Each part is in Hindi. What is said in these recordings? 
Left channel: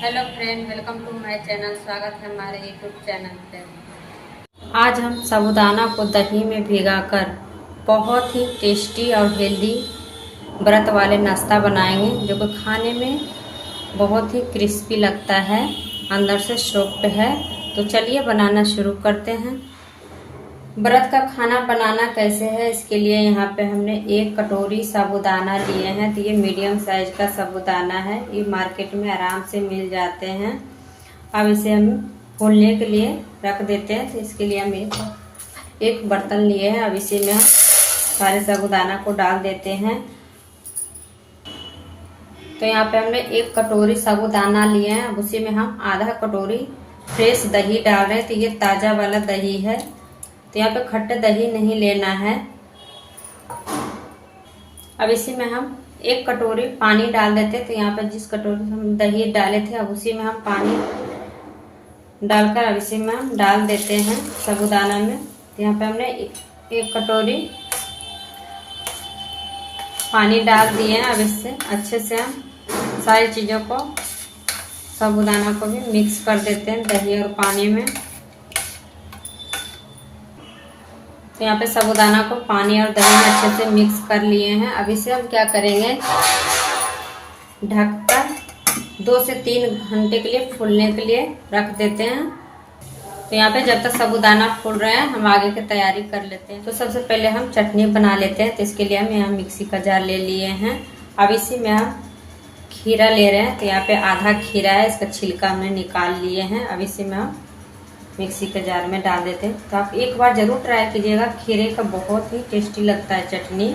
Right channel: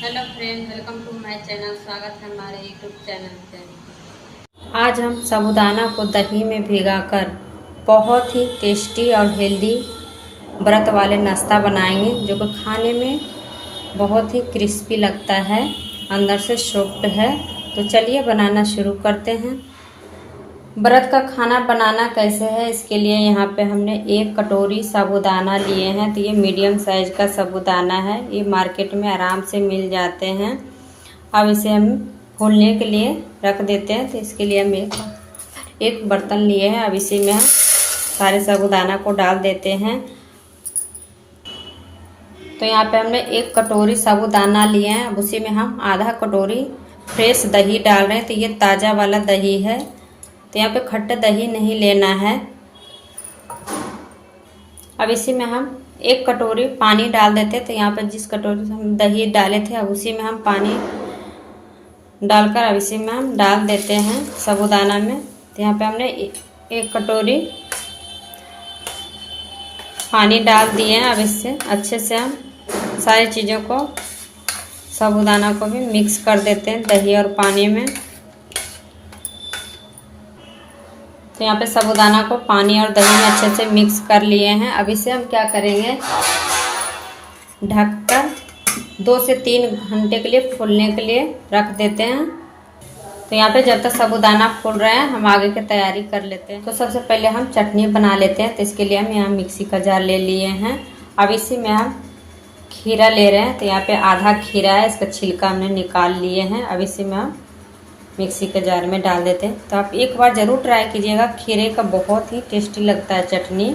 Hello friend, welcome to my channel. स्वागत है हमारे यूट्यूब चैनल पे। आज हम साबूदाना को दही में भिगाकर बहुत ही टेस्टी और हेल्दी व्रत वाले नाश्ता बनाएंगे, जो कि खाने में बहुत ही क्रिस्पी लगता है, अंदर से सॉफ्ट है। तो चलिए बनाना शुरू करते हैं। व्रत का खाना बनाना कैसे है, इसके लिए यहाँ पे हमने 1 कटोरी साबूदाना लिए हैं। तो ये मीडियम साइज का साबूदाना है, ये मार्केट में आराम से मिल जाते हैं। अब इसे हम फूलने के लिए रख देते हैं। तो इसके लिए हम एक बर्तन लिए हैं। अब इसी में हम सारे साबूदाना को डाल देते हैं। तो यहाँ पे हमने 1 कटोरी साबूदाना लिए हैं। अब उसी में हम आधा कटोरी फ्रेश दही डाल रहे हैं। तो ये ताज़ा वाला दही है, तो यहाँ पे खट्टा दही नहीं लेना है। अब इसी में हम 1 कटोरी पानी डाल देते हैं। तो यहाँ पे जिस कटोरी से हम दही डाले थे, अब उसी में हम पानी डालकर अब इसी में हम डाल देते हैं साबूदाना में। तो यहाँ पे हमने 1 कटोरी पानी डाल दिए हैं। अब इससे अच्छे से हम सारी चीज़ों को, साबूदाना को भी मिक्स कर देते हैं दही और पानी में। तो यहाँ पे साबूदाना को पानी और दही में अच्छे से मिक्स कर लिए हैं। अब इसे हम क्या करेंगे, ढककर 2 से 3 घंटे के लिए फूलने के लिए रख देते हैं। तो यहाँ पे जब तक साबूदाना फूल रहे हैं, हम आगे की तैयारी कर लेते हैं। तो सबसे पहले हम चटनी बना लेते हैं। तो इसके लिए हम यहाँ मिक्सी का जार ले लिए हैं। अब इसी में हम खीरा ले रहे हैं। तो यहाँ पे आधा खीरा है, इसका छिलका हमने निकाल लिए हैं। अब इसी में हम मिक्सी के जार में डाल देते हैं। तो आप एक बार ज़रूर ट्राई कीजिएगा, खीरे का बहुत ही टेस्टी लगता है चटनी।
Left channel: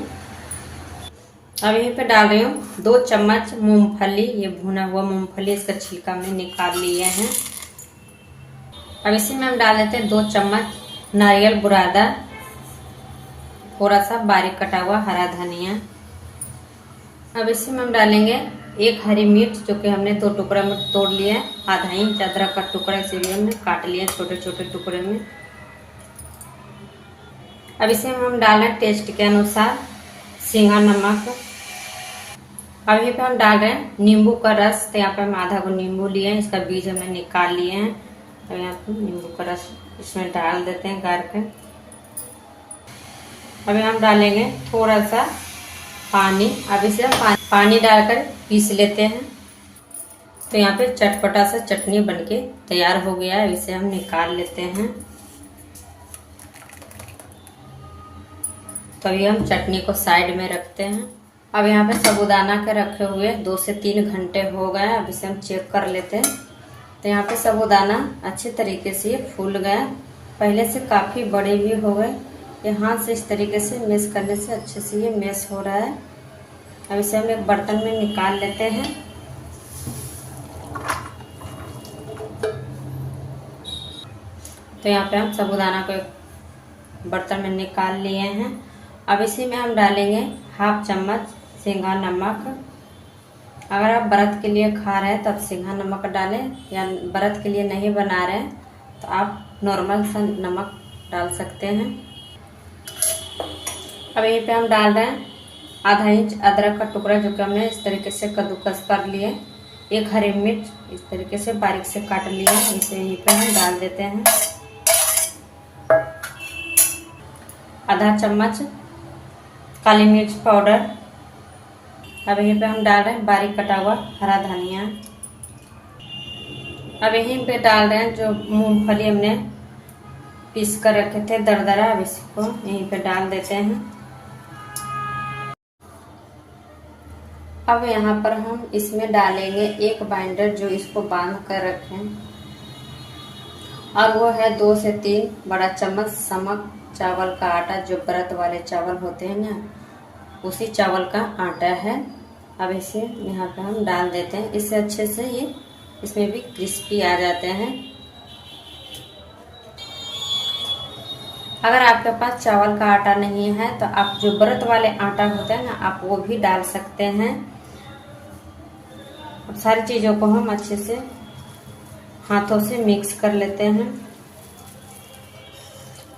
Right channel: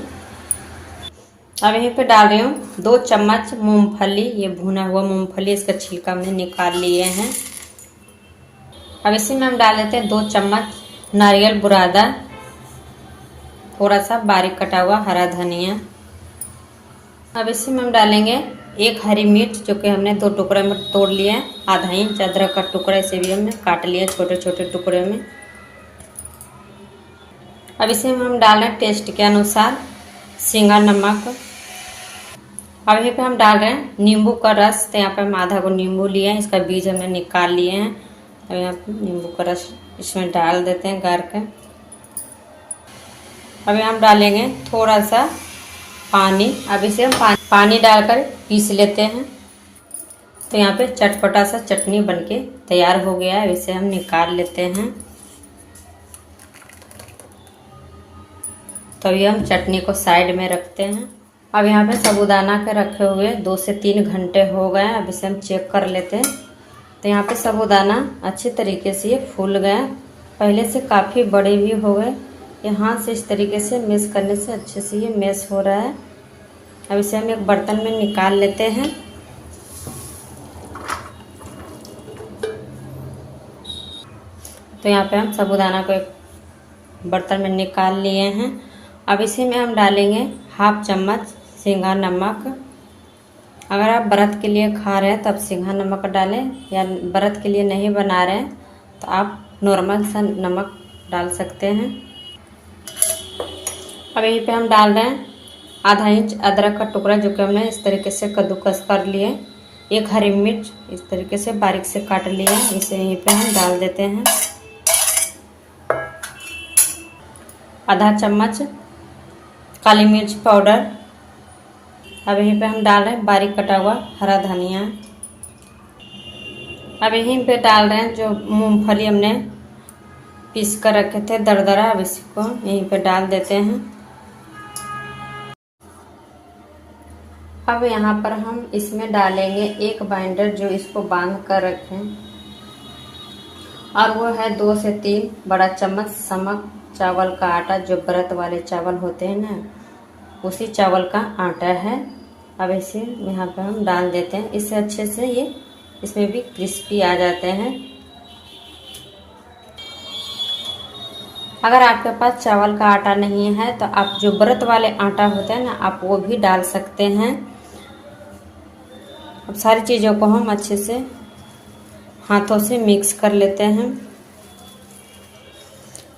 अब यहीं पे डाल रही हूँ 2 चम्मच मूंगफली, ये भुना हुआ मूंगफली, इसका छिलका हमने निकाल लिए हैं। अब इसी में हम डाल देते हैं 2 चम्मच नारियल बुरादा, थोड़ा सा बारीक कटा हुआ हरा धनिया। अब इसी में हम डालेंगे 1 हरी मिर्च, जो कि हमने 2 टुकड़े में तोड़ लिए। आधा इंच अदरक का टुकड़ा, इसे भी हमने काट लिया छोटे छोटे टुकड़े में। अब इसे हम डाल रहे हैं टेस्ट के अनुसार सेंधा नमक। अब यहाँ पे हम डाल रहे हैं नींबू का रस। तो यहाँ पे हम आधा को नींबू लिए हैं, इसका बीज हमने निकाल लिए हैं। अब यहाँ पे नींबू का रस इसमें डाल देते हैं गार के। अब हम डालेंगे थोड़ा सा पानी। अब इसे हम पानी डालकर पीस लेते हैं। तो यहाँ पे चटपटा सा चटनी बनके तैयार हो गया है। इसे हम निकाल लेते हैं। तो ये हम चटनी को साइड में रखते हैं। अब यहाँ पे साबूदाना के रखे हुए 2 से 3 घंटे हो गए। अब इसे हम चेक कर लेते हैं। तो यहाँ पे साबूदाना अच्छे तरीके से ये फूल गए, पहले से काफ़ी बड़े भी हो गए। ये हाथ से इस तरीके से मैश करने से अच्छे से ये मैश हो रहा है। अब इसे हम एक बर्तन में निकाल लेते हैं। तो यहाँ पे हम साबूदाना को एक बर्तन में निकाल लिए हैं। अब इसी में हम डालेंगे 1/2 चम्मच सेंधा नमक। अगर आप व्रत के लिए खा रहे हैं तो आप सेंधा नमक डालें, या व्रत के लिए नहीं बना रहे हैं तो आप नॉर्मल सा नमक डाल सकते हैं। अब यहीं पे हम डाल रहे हैं आधा इंच अदरक का टुकड़ा, जो कि हमने इस तरीके से कद्दूकस कर लिए। 1 हरी मिर्च इस तरीके से बारीक से काट लिया, इसे यहीं पे हम डाल देते हैं। आधा चम्मच काली मिर्च पाउडर। अब यहीं पे हम डाल रहे हैं बारीक कटा हुआ हरा धनिया। अब यहीं पे डाल रहे हैं जो मूंगफली हमने पीस कर रखे थे दरदरा। अब इसको यहीं पे डाल देते हैं। अब यहाँ पर हम इसमें डालेंगे 1 बाइंडर, जो इसको बांध कर रखें, और वो है 2 से 3 बड़ा चम्मच समक चावल का आटा, जो व्रत वाले चावल होते हैं ना, उसी चावल का आटा है। अब इसे यहाँ पे हम डाल देते हैं। इससे अच्छे से ये इसमें भी क्रिस्पी आ जाते हैं। अगर आपके पास चावल का आटा नहीं है तो आप जो व्रत वाले आटा होते हैं ना, आप वो भी डाल सकते हैं। अब सारी चीज़ों को हम अच्छे से हाथों से मिक्स कर लेते हैं।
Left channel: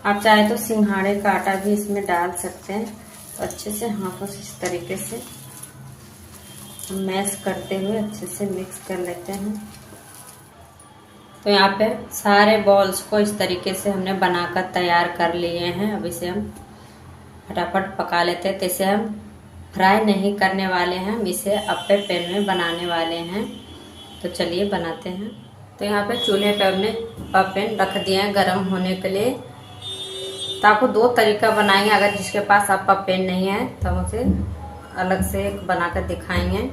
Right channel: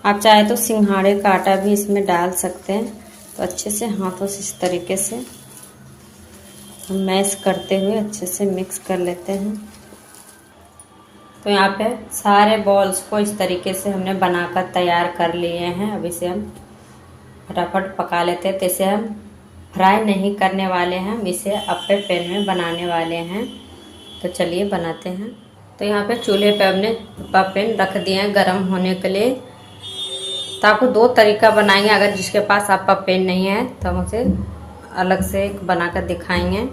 आप चाहे तो सिंघाड़े का आटा भी इसमें डाल सकते हैं। तो अच्छे से हाथों से इस तरीके से मैश करते हुए अच्छे से मिक्स कर लेते हैं। तो यहाँ पे सारे बॉल्स को इस तरीके से हमने बनाकर तैयार कर लिए हैं। अब इसे हम फटाफट पका लेते हैं। तो इसे हम फ्राई नहीं करने वाले हैं, हम इसे अप्पे पैन में बनाने वाले हैं। तो चलिए बनाते हैं। तो यहाँ पे चूल्हे पे हमने अप्पा पैन रख दिए हैं गर्म होने के लिए। तो आपको दो तरीका बनाएंगे, अगर जिसके पास अप्पा पैन नहीं है तो हम उसे अलग से बनाकर दिखाएंगे।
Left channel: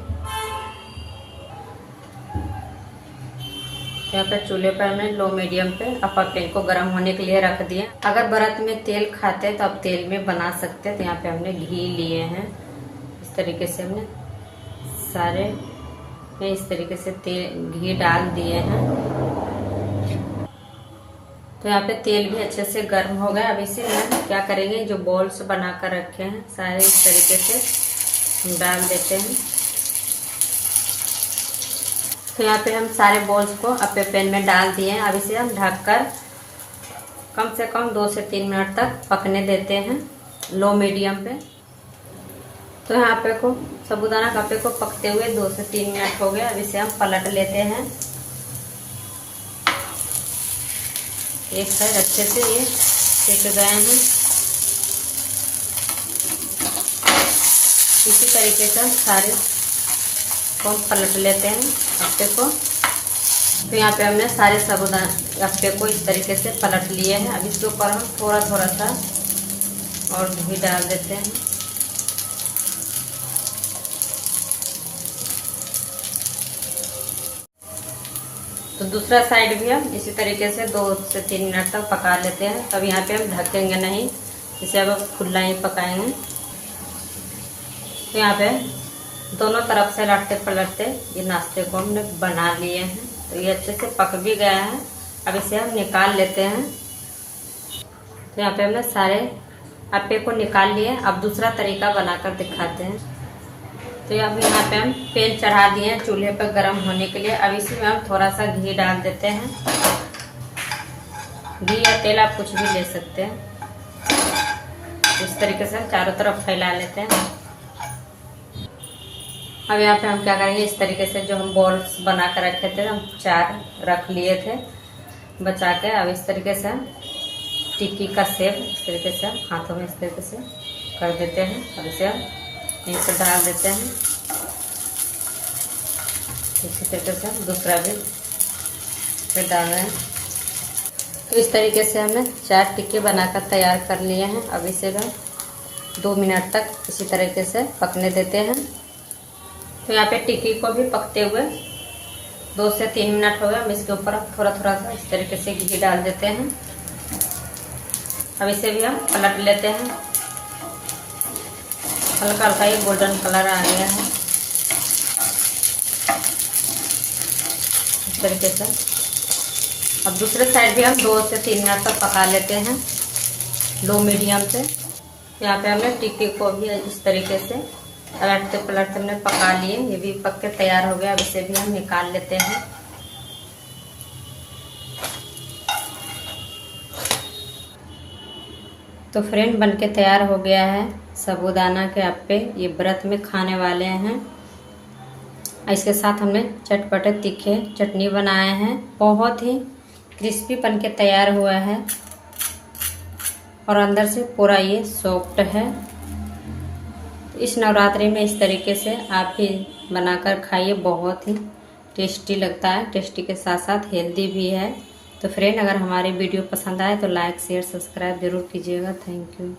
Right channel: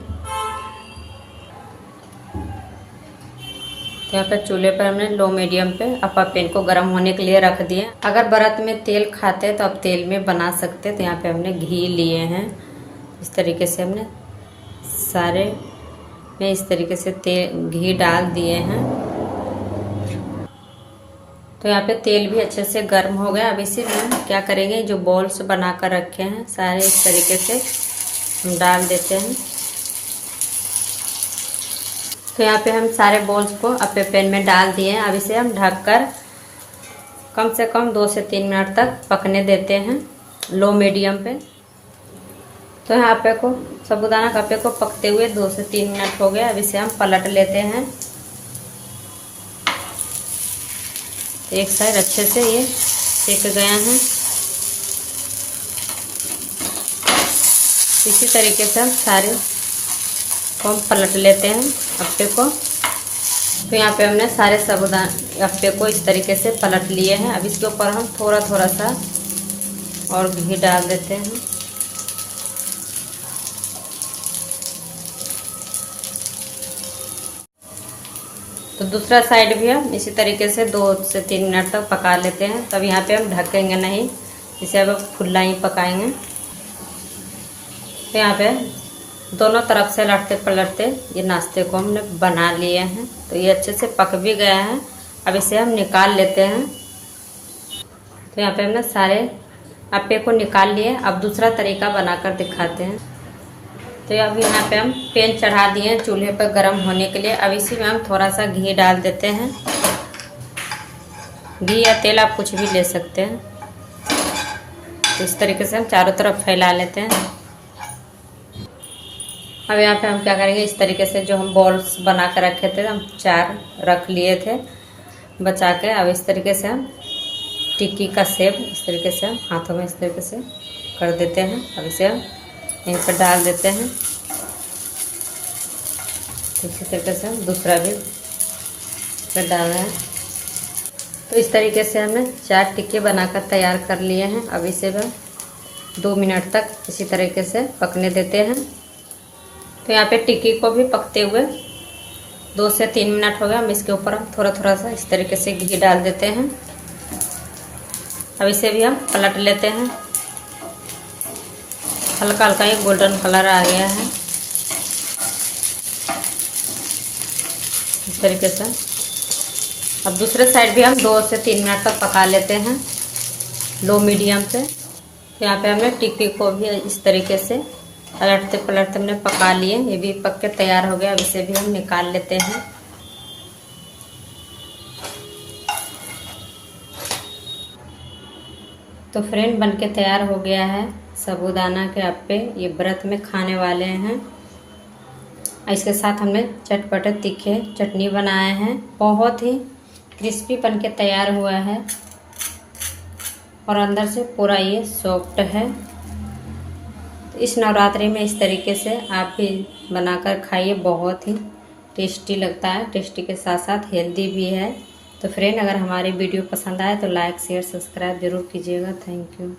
यहाँ पर चूल्हे पर हमने लो मीडियम पे अप्पा पैन को गर्म होने के लिए रख दिया। अगर व्रत में तेल खाते हैं तो आप तेल में बना सकते हैं। तो यहाँ पे हमने घी लिए हैं। इस तरीके से हमने सारे में इस तरीके से तेल घी डाल दिए हैं। तो यहाँ पे तेल भी अच्छे से गर्म हो गया। अब इसे हम क्या करेंगे, जो बॉल्स बना कर रखे हैं सारे इस तरीके से हम डाल देते हैं। तो यहाँ पे हम सारे बॉल्स को अप्पे पैन में डाल दिए हैं। अब इसे हम ढककर कम से कम 2 से 3 मिनट तक पकने देते हैं लो मीडियम पे। तो यहाँ पे को साबूदाना के अप्पे को पकते हुए 2 से 3 मिनट हो गए। अब इसे हम पलट लेते हैं। एक साइड अच्छे से ये सेक गए हैं। इसी तरीके से हम सारे को पलट लेते हैं अप्पे को। तो यहाँ पे हमने सारे साबूदाना अप्पे को इस तरीके से पलट लिए हैं। अब इसके ऊपर हम थोड़ा थोड़ा सा और घी डाल देते हैं। तो दूसरा साइड भी हम इसी तरीके से 2 से 3 मिनट तक पका लेते हैं। तब यहाँ पे हम ढकेंगे नहीं, इसे अब खुला ही पकाएंगे। तो यहाँ पे दोनों तरफ से लटते पलटते ये नाश्ते को हमने बना लिए हैं। तो ये अच्छे से पक भी गया है। अब इसे हम निकाल लेते हैं। तो यहाँ पे हमने सारे अप्पे को निकाल लिए। अब दूसरा तरीका बनाकर दिखाते हैं। तो अब यहाँ पे हम पैन चढ़ा दिए हैं चूल्हे पर गर्म होने के लिए। अब इसी में हम थोड़ा सा घी डाल देते हैं। घी या तेल आप कुछ भी ले सकते हैं। तो इस तरीके से हम चारों तरफ फैला लेते हैं। अब यहाँ पे हम क्या करेंगे, इस तरीके से जो हम बॉल्स बना कर रखे थे, हम 4 रख लिए थे बचा के। अब इस तरीके से हम टिक्की का शेप इस तरीके से हम हाथों में इस तरीके से कर देते हैं। अब इसे हम यहीं पर डाल देते हैं। इसी तरीके से हम दूसरा भी डाल रहे हैं। तो इस तरीके से हमने 4 टिक्के बनाकर तैयार कर लिए हैं। अब इसे हम 2 मिनट तक इसी तरीके से पकने देते हैं। तो यहाँ पे टिक्की को भी पकते हुए 2 से 3 मिनट हो गया। हम इसके ऊपर थोड़ा थोड़ा सा इस तरीके से घी डाल देते हैं। अब इसे भी हम पलट लेते हैं। हल्का हल्का ये गोल्डन कलर आ गया है इस तरीके से। अब दूसरे साइड भी हम 2 से 3 मिनट तक पका लेते हैं लो मीडियम से। यहाँ पे हमने टिक्की को भी इस तरीके से पलटते पलटते हमने पका लिए। ये भी पक के तैयार हो गया। अब इसे भी हम निकाल लेते हैं। तो फ्रेंड बनके तैयार हो गया है साबूदाना के अप्पे। ये व्रत में खाने वाले हैं। इसके साथ हमने चटपटे तीखे चटनी बनाए हैं। बहुत ही क्रिस्पी बनके तैयार हुआ है और अंदर से पूरा ये सॉफ्ट है। इस नवरात्रि में इस तरीके से आप भी बनाकर खाइए, बहुत ही टेस्टी लगता है। टेस्टी के साथ साथ हेल्दी भी है। तो फ्रेंड, अगर हमारे वीडियो पसंद आए तो लाइक शेयर सब्सक्राइब जरूर कीजिएगा। Thank you.